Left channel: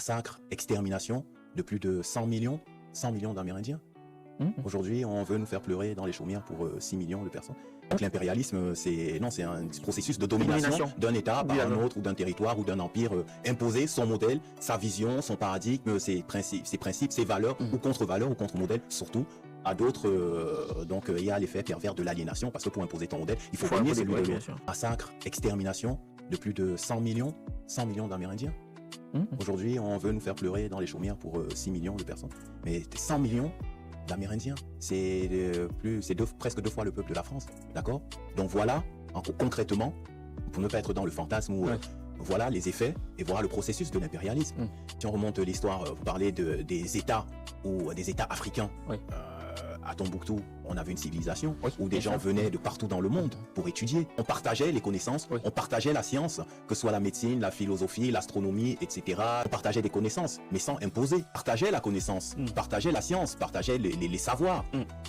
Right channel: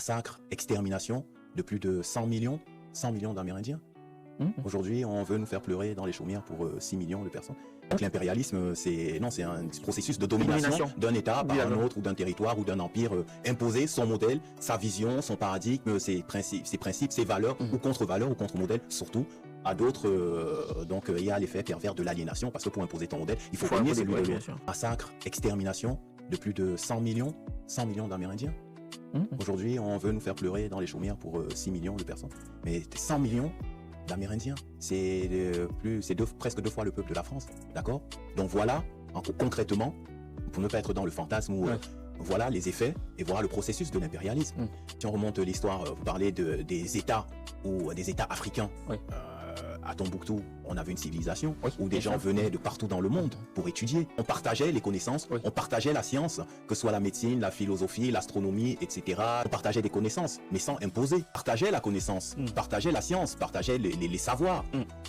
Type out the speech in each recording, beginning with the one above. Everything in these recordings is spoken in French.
massacre, extermination de plus de 100 millions d'Amérindiens. Aujourd'hui, on veut nous faire pleurer dans les chaumières pour 6 millions de personnes. Donc l'impérialisme, c'est un processus de domination d'un État par un autre, ou d'un territoire, ou d'un empire, imposer son modèle, sa vision, son paradigme, ses principes, ses valeurs, ou contre-valeurs, ou contre-modèles, surtout, à d'autres. Donc il y a l'effet pervers de l'aliénation, parce que pour imposer ton modèle, il faut gagner celui de l'autre. Massacre, extermination de plus de 100 millions d'Amérindiens. Aujourd'hui, on veut nous faire pleurer dans les chaumières pour 6 millions de personnes. Mais 100 millions d'Amérindiens, c'est presque 2 fois le peuple de la France. D'accord? Donc voilà, concrètement, pour ne pas être dans le fantasme, voilà les effets et voilà le processus de l'impérialisme. Si on remonte l'histoire, vous parlez des États ou des États africains. À Tombouctou, on avait une civilisation où des gens venaient de partout dans le monde pour étudier. On partageait les connaissances, on partageait la science, que ce soit la médecine, la philosophie, l'astronomie, etc. On partageait des connaissances, mais sans imposer. On partageait la connaissance, partageait la science, partageait les savoirs,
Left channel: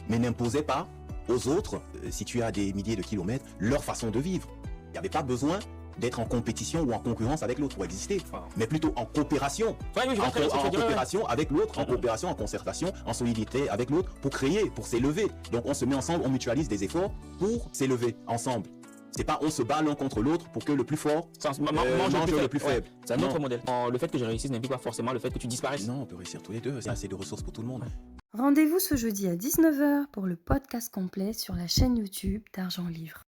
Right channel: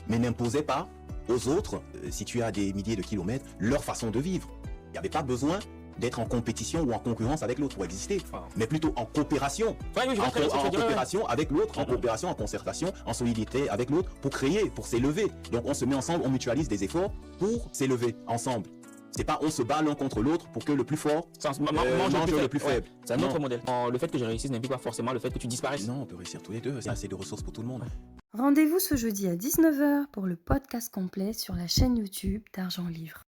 mais n'imposait pas aux autres, situés à des milliers de kilomètres, leur façon de vivre. Il n'y avait pas besoin d'être en compétition ou en concurrence avec l'autre pour exister, mais plutôt en coopération. En coopération avec l'autre, en coopération, en concertation, en solidité avec l'autre pour créer, pour s'élever. Donc on se met ensemble, on mutualise des efforts pour s'élever ensemble. C'est pas on se bat l'un contre l'autre pour que le plus fort mange le plus faible. C'est un autre modèle. Le fait que je réussisse n'implique pas forcément le fait que tu disparaisses. Non, on peut réussir tous les deux, il y a assez de ressources pour tout le monde. Rendez-vous ce jeudi à 19h pour le podcast complet sur la chaîne YouTube d'Argent Livre.